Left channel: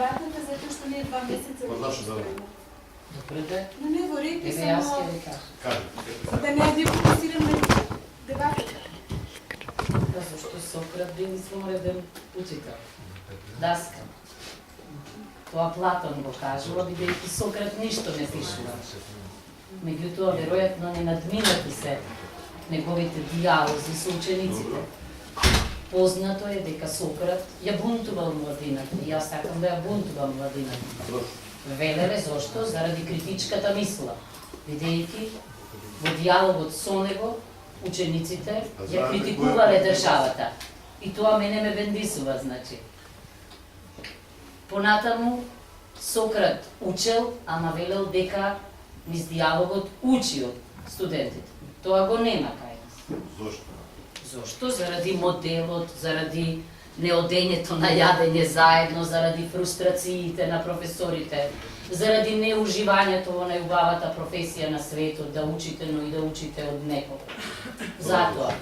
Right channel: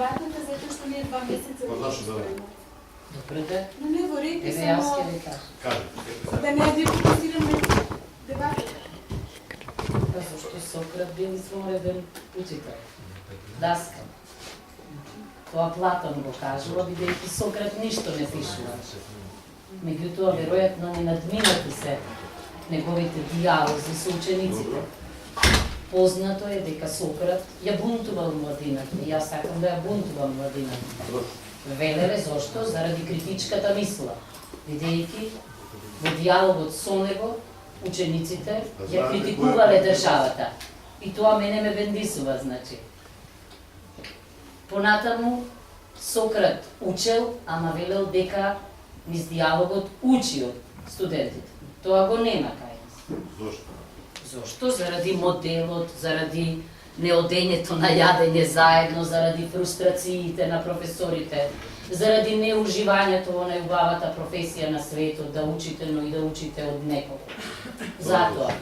вратите затоа што ние 2 месеца Па зашто да? Добре де. Но не го реки Еве јас само ќе ви кажам. Кажи. да не ја фокусираме дебатата. Па зашто Сократ бил извонреден учител. Даскал. Тоа Платон го кажува, бидејќи Сократ ништо не пишува. Меѓутоа, веројатно не надминати се неговите диалози со учениците. Познато е дека Сократ ја бунтувал младината и јас сакам да ја бунтувам младината. Велеве зошто? Заради критичката мисла, бидејќи во диалогот со него учениците ја критикувале државата. И тоа мене ме бендисува, значи. Понатаму Сократ учел, ама велел дека низ диалогот учи од студентите. Тоа го нема кај нас. Зошто? Зошто? Заради моделот, заради неодењето на јадење заедно, заради фрустрациите на професорите, заради неуживањето во најубавата професија на светот, да учите, но и да учите од некого. Затоа.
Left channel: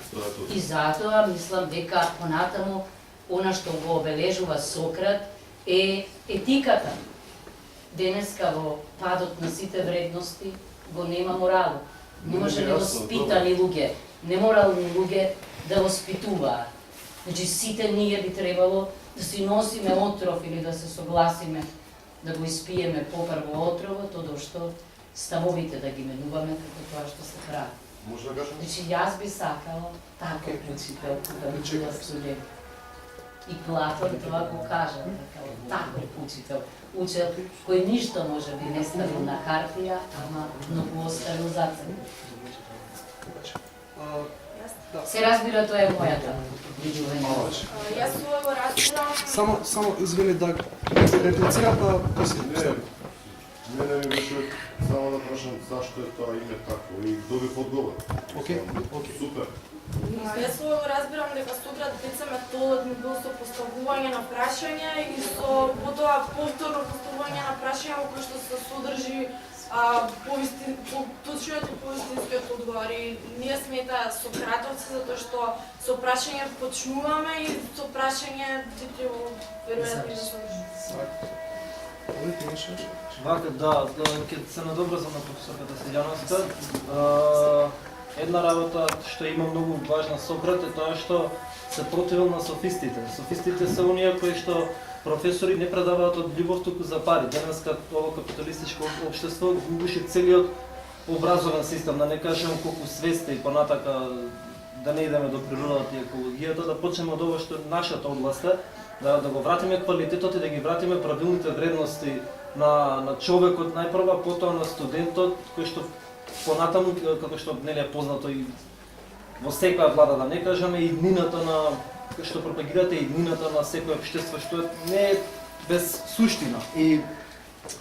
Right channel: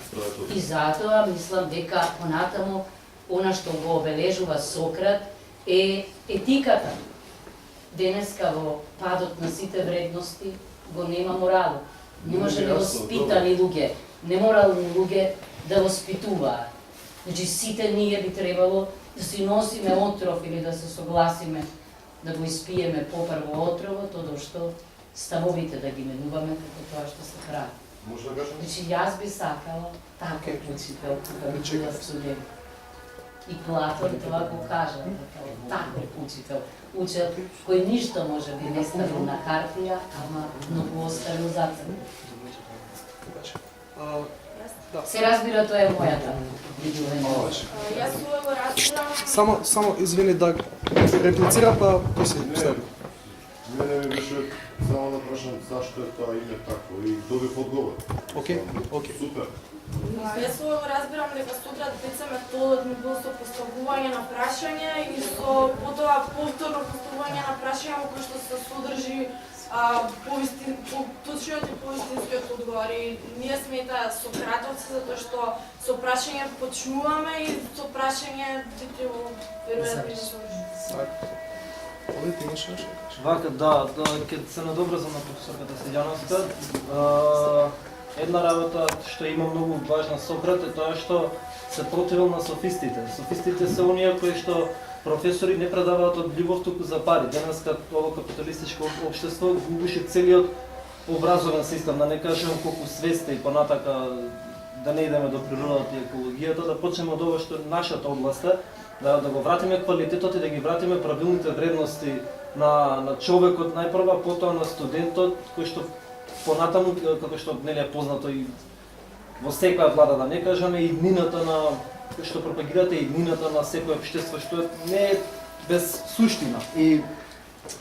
И затоа мислам дека понатаму она што го обележува Сократ е етиката. Денеска во падот на сите вредности го нема моралот. Не може невоспитани луѓе, неморални луѓе да воспитуваат. Значи сите ние би требало да си носиме отров или да се согласиме да го испиеме попрво отровот, одошто ставовите да ги менуваме како тоа што се прави. Може да кажам? Значи јас би сакала таков учител кога би била студент. И Платон тоа го кажа, дека таков учител, учел кој ништо може би не ставил на хартија, ама многу оставил за себе. Се разбира, тоа е мојата видување. Јас ова го разбирам. Само извини да реплицира, па ти си стави. Мене ми беше само да прашам зашто е тоа име тако и добив одговор. Окей. Супер. Јас ова го разбирам дека Сократ деца методот ми бил со поставување на прашање и со потоа повторно поставување на прашање во кој што се содржи точниот и повистинскиот одговор. И ние сме таа Сократовци затоа што со прашање почнуваме и со прашање би веројатно да завршиме. Овде ти имаш нешто? Вака, да, ќе се надобрзам на професорката Силјановска. Една работа што има многу важна Сократ е тоа што се противил на софистите. Софистите се оние кои што професори не предаваат од љубов туку за пари. Денеска ова капиталистичко општество губише целиот образовен систем, да не кажем колку свеста и понатака да не идеме до природата и екологијата, да почнеме од ова што е нашата област, да го вратиме квалитетот и да ги вратиме правилните вредности на човекот најпрва, потоа на студентот кој што понатаму, како што нели е познато и во секоја влада, да не кажеме, и иднината на што пропагирате, иднината на секој општество, што не е без суштина. И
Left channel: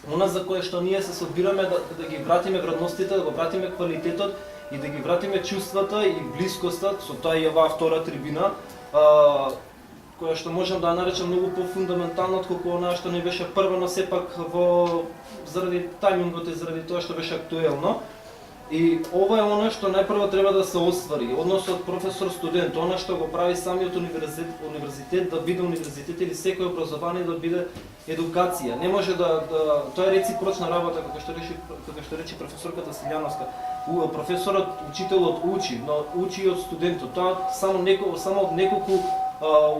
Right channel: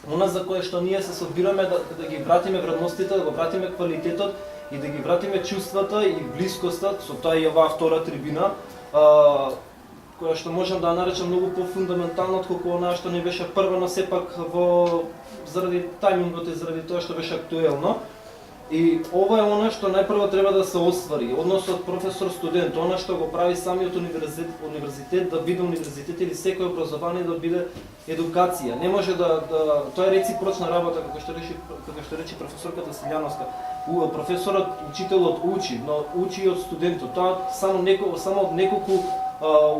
она за кое што ние се собираме да ги вратиме вредностите, да го вратиме квалитетот и да ги вратиме чувствата и блискоста, со тоа и оваа втора трибина, која што можам да ја наречам многу пофундаментална отколку онаа што не беше прва, но сепак заради тајмингот и заради тоа што беше актуелно. И ова е она што најпрво треба да се оствари, односот професор-студент, она што го прави самиот универзитет да биде универзитет или секој образование да биде едукација. Не може тоа е реципрочна работа, како што рече професорката Силјановска. Професорот, учителот учи, но учи и од студентот. Тоа само од неколку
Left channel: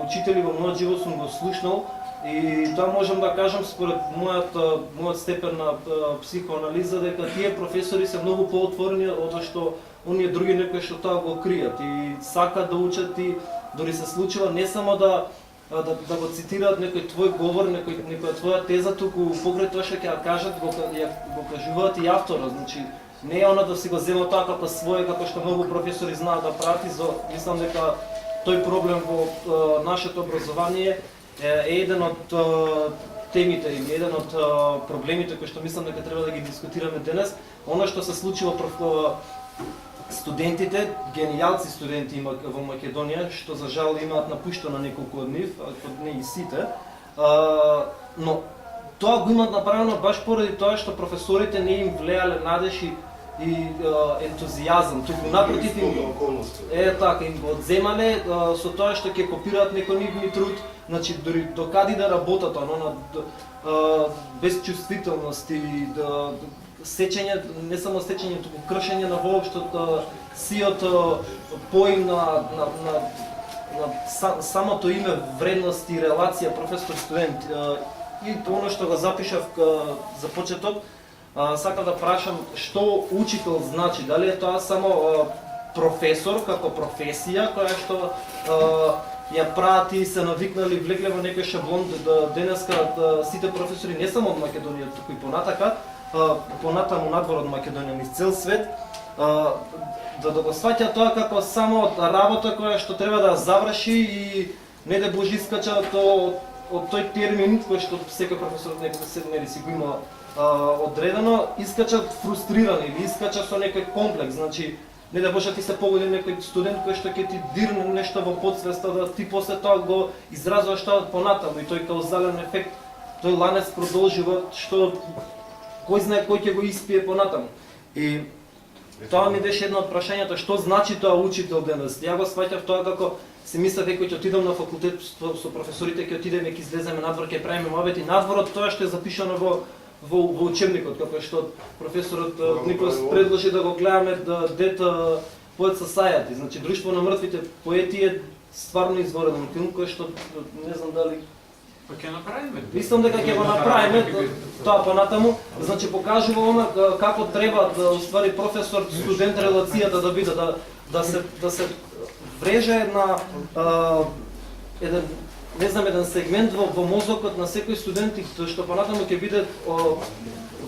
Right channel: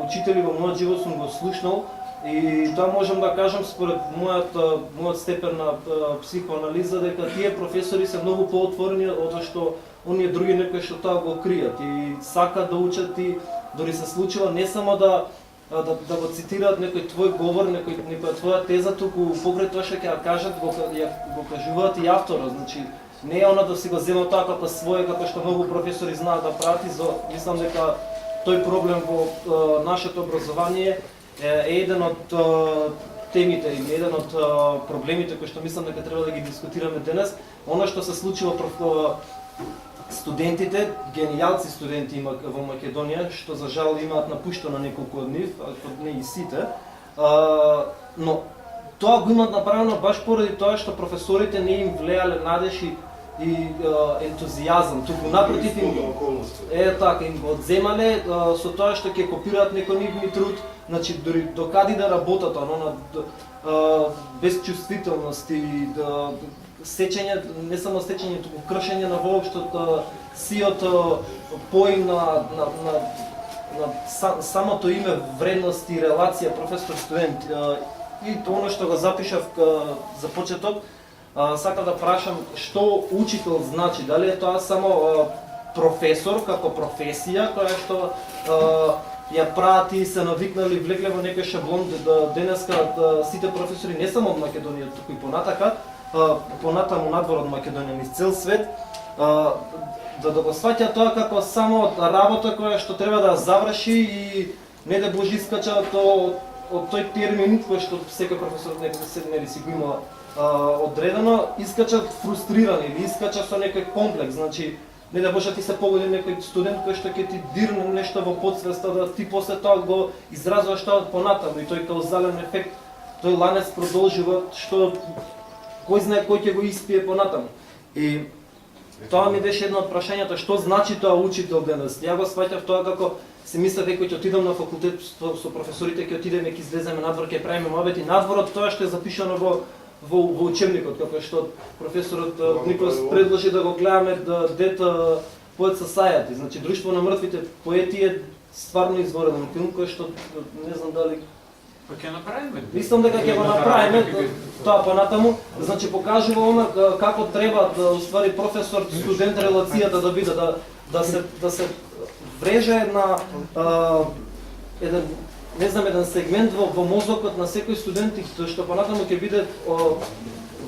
учители во мојот живот сум го слушнал. И тоа можам да кажам според мојот степен на психоанализа дека тие професори се многу поотворени од што оние други некои што тоа го кријат и сакаат да учат и дори се случува не само да го цитираат некој твој говор, некоја твоја теза, туку покрај тоа што ќе ја кажат го кажуваат и авторот. Значи не е она да си го земат тоа како свое, како што многу професори знаат да прават. Мислам дека тој проблем во нашето образование е еден од темите или еден од проблемите кои што мислам дека треба да ги дискутираме денес. Она што се случило студентите, генијалци студенти има во Македонија, што за жал имаат напуштено неколку од нив, ако не и сите. Но тоа го имаат направено баш поради тоа што професорите не им влеале надеж и ентузијазам, туку напротив им го одземале со тоа што ќе копираат некој нивни труд, значи дори докади да работат, без чувствителност и да сечење, не само сечење, туку кршење на воопштото сиото поим на самото име, вредност и релација професор-студент. И оно што го запишав за почеток, сакам да прашам што учител значи, дали е тоа само професор како професија која што ја прават и се навикнали, влекле во некој шаблон денеска сите професори не само од Македонија, туку и понатаму надвор од Македонија, низ цел свет, да го сваќа тоа како само работа која што треба да заврши и не да божи искача од тој термин кој што секој професор некој си го има одредено, искачат фрустриран или искача со некој комплекс, значи не да боже ти се погоди некој студент кој што ќе ти дирне нешто во подсвеста да ти после тоа го изразуваш тоа понатаму и тој каузален ефект, тој ланец продолжува што кој знае кој ќе го испие понатаму. И тоа ми беше едно од прашањата, што значи тоа учител денес. Ја го сваќав тоа како си мислев дека ќе отидам на факултет со професорите, ќе отидеме, ќе излеземе надвор, ќе правиме муабети надворот, тоа што е запишано во учебникот, како што професорот Николас предложи да го гледаме Dead Poets Society, значи Друштво на мртвите поети е стварно изворен филм кој што не знам дали Па ќе направиме. Мислам дека ќе го направиме тоа понатаму, значи покажува она како треба да уствари професор студент релацијата да биде да се вреже еден сегмент во мозокот на секој студент и што понатаму ќе биде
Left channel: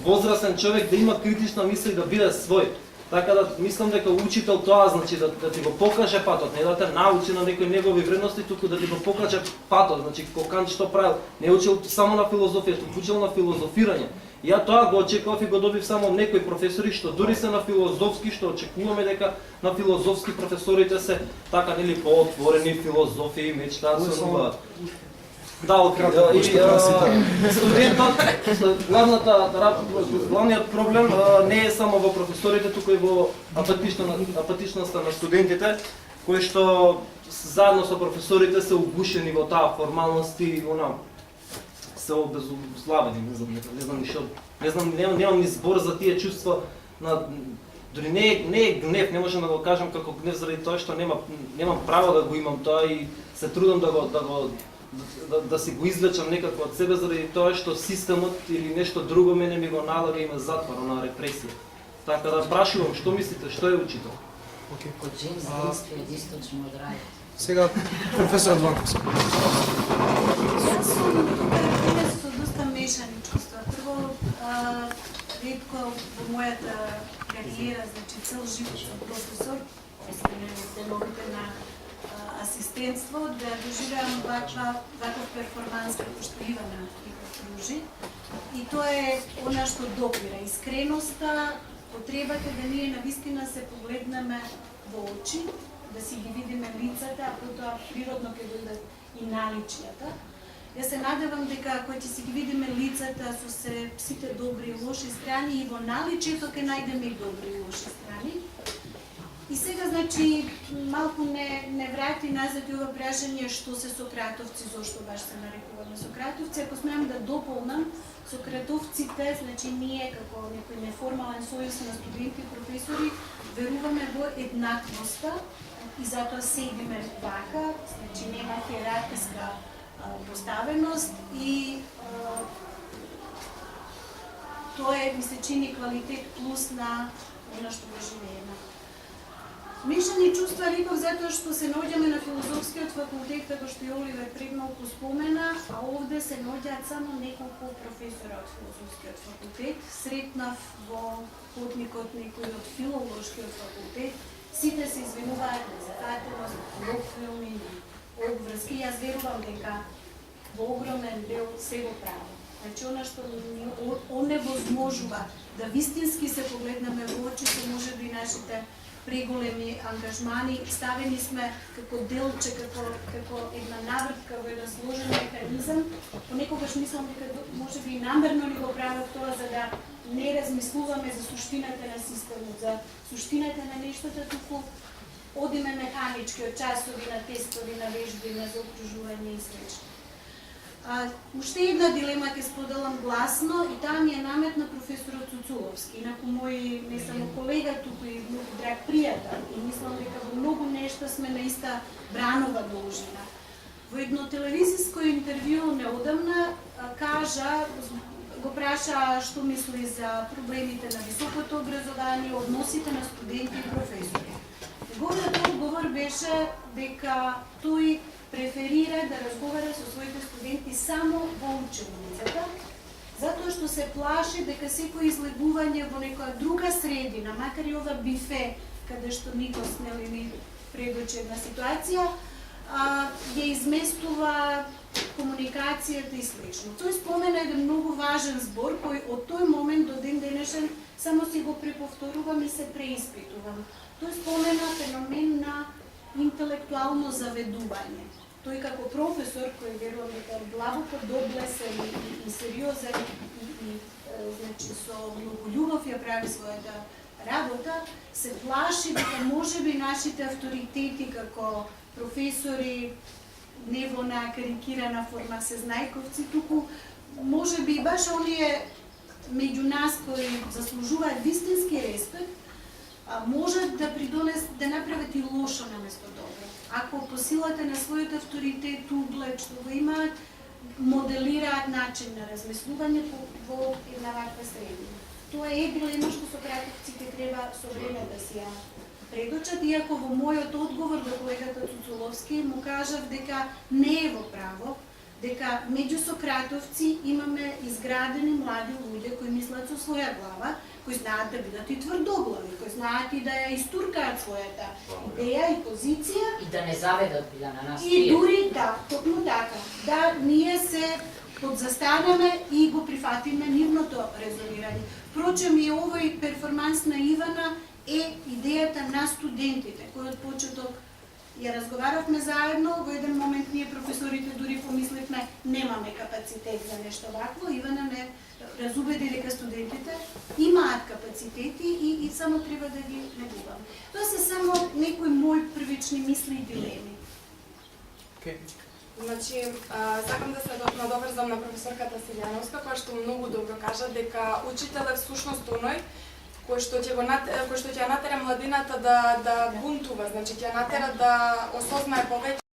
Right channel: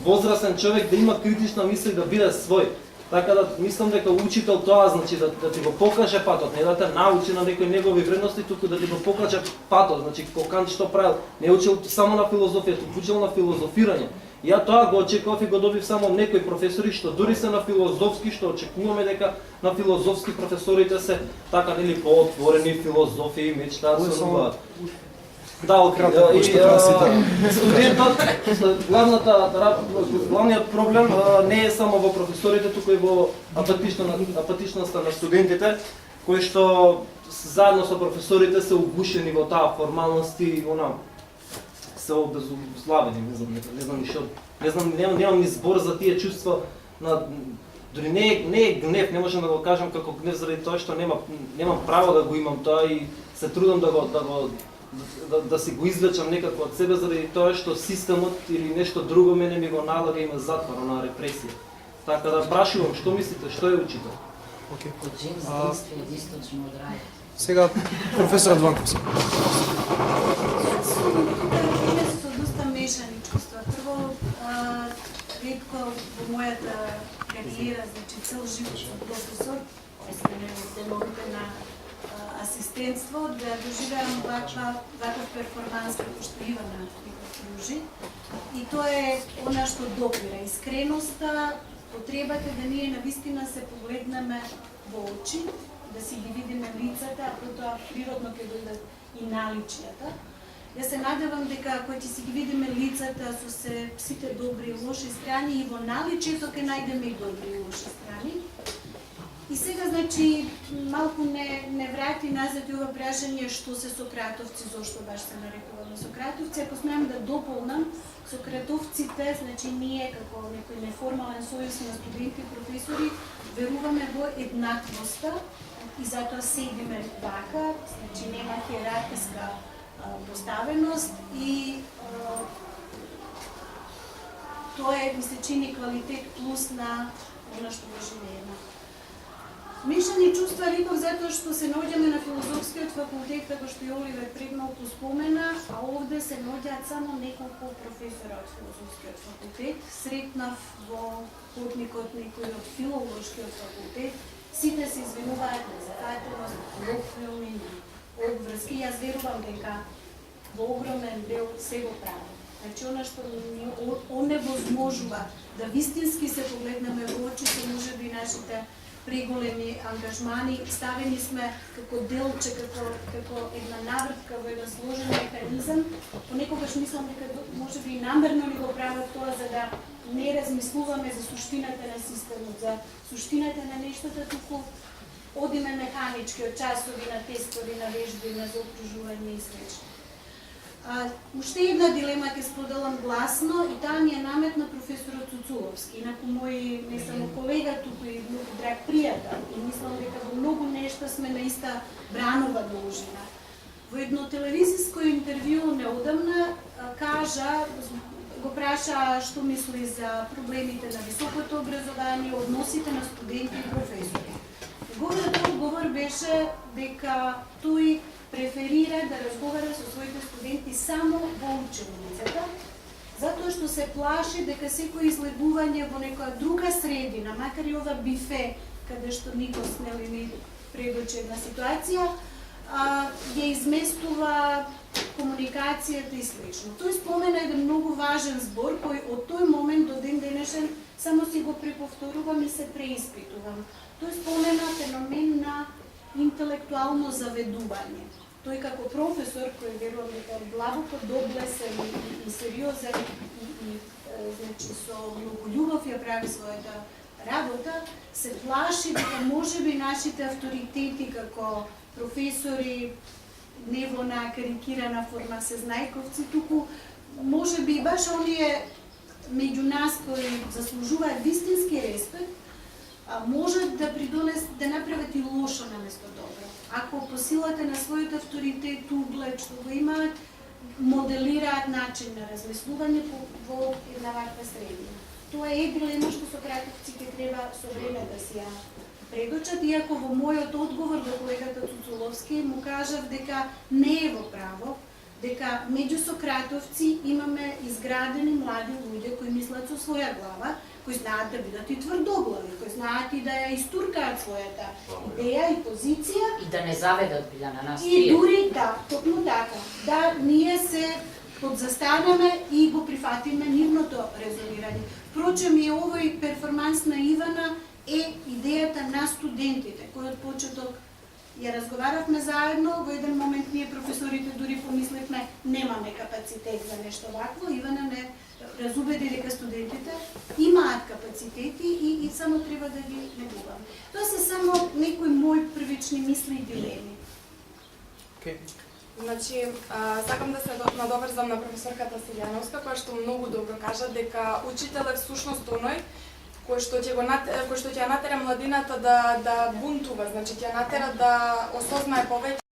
возрастен човек да има критична мисла и да биде свој. Така да мислам дека учител тоа значи да ти го покаже патот, не да те научи на некои негови вредности, туку да ти го покаже патот, значи Кант што правил, не учил само на филозофија, туку учил на филозофирање. И ја тоа го очекував и го добив само од некои професори што дури се на филозофски, што очекуваме дека на филозофски професорите се така нели поотворени филозофии, мечтаат со нова. Да, студентот, главниот проблем не е само во професорите, туку и во апатичноста на студентите, кои што заедно со професорите се угушени во таа формалност и се обезуславени, не знам ништо, немам ни збор за тие чувства на дори не е гнев, не можам да го кажам како гнев заради тоа што немам право да го имам тоа и се трудам да си го извлечам некако од себе заради тоа што системот или нешто друго мене ми го налага и ме затвора на репресија. Така да прашувам, што мислите, што е учител? Од Джеймс Действие источно од рајот. Сега професор Ванковски. Јас сум со доста мешани чувства. Прво, ретко во мојата кариера, значи цел живот сум професор, освен деновите на асистентство, да доживеам ваков перформанс како што Ивана ги пружи. И тоа е она што допира, искреноста, потребата да ние навистина се погледнеме во очи, да си ги видиме лицата, а потоа природно ќе дојдат и наличјата. Јас се надевам дека кој ќе си ги видиме лицата со сите добри и лоши страни и во наличјето ќе најдеме и добри и лоши страни. И сега, значи, малку не врати назад и ова прашање што се сократовци, зошто баш се нарекуваме сократовци. Ако смеам да дополнам, сократовците, значи ние како некој неформален сојуз на студенти и професори, веруваме во еднаквоста и затоа седиме вака, значи нема хиерархиска поставеност и тоа е, ми се чини, квалитет плюс на она што го живееме. Мешани чувства реков затоа што се наоѓаме на филозофскиот факултет, како што и Оливер премногу спомена, а овде се наоѓаат само неколку професора од филозофскиот факултет. Сретнав во потникот некој од филолошкиот факултет. Сите се извинуваат на зафатеност, локфилми, обврски. Јас верувам дека во огромен дел се го прави. Значи, она што ни оневозможува да вистински се погледнеме во очите, може би нашите преголеми ангажмани, ставени сме како делче, како една навртка во еден сложен механизам. Понекогаш мислам дека може би намерно ни го прават тоа за да не размислуваме за суштината на системот, за суштината на нештата, туку одиме механички од часови на тестови, на вежби, на заокружување и слично. Уште една дилема ќе споделам гласно и таа ми е наметна професорот Цуцуловски, инаку мој не само колега, туку и многу драг пријател и мислам дека во многу нешта сме на иста бранова должина. Во едно телевизиско интервју неодамна кажа, го праша што мисли за проблемите на високото образование, односите на студенти и професори. Неговиот одговор беше дека тој преферира да разговара со своите студенти само во училницата, затоа што се плаши дека секој излегување во некоја друга средина, макар и ова бифе, каде што Никос ни предочи една ситуација, ја изместува комуникацијата и слично. Тој спомена еден многу важен збор кој од тој момент до ден денешен само си го преповторувам и се преиспитувам. Тој спомена феномен на интелектуално заведување. Тој како професор, кој верувам дека е длабоко доблесен и сериозен и значи со многу љубов ја прави својата работа, се плаши дека можеби нашите авторитети како професори, не во на карикирана форма се знајковци, туку можеби баш оние меѓу нас кои заслужуваат вистински респект, можат да да направат и лошо наместо добро. Ако по силата на својот авторитет, углед, што го имаат, моделираат начин на размислување во една ваква средина. Тоа е дилема што сократовците треба со време да си ја предочат, иако во мојот одговор до колегата Цуцуловски му кажав дека не е во право, дека меѓу сократовци имаме изградени млади луѓе кои мислат со своја глава, кои знаат да бидат и тврдоглави, кои знаат и да ја истуркаат својата идеја и позиција. И да не заведат Билјана нас И тие. дури токму така, да ние се подзастанеме и го прифатиме нивното резонирање. Впрочем и овој перформанс на Ивана е идејата на студентите, кој од почеток ја разговаравме заедно, во еден момент ние професорите дури помисливме немаме капацитет за нешто вакво, Ивана не разубеди дека студентите имаат капацитети и само треба да ги негуваме. Тоа се само некои мои првични мисли и дилеми. Значи, сакам да се надоврзам на професорката Силјановска, која што многу добро кажа дека учител е всушност оној кој што ќе натера младината да бунтува, значи ќе натера да осознае повеќе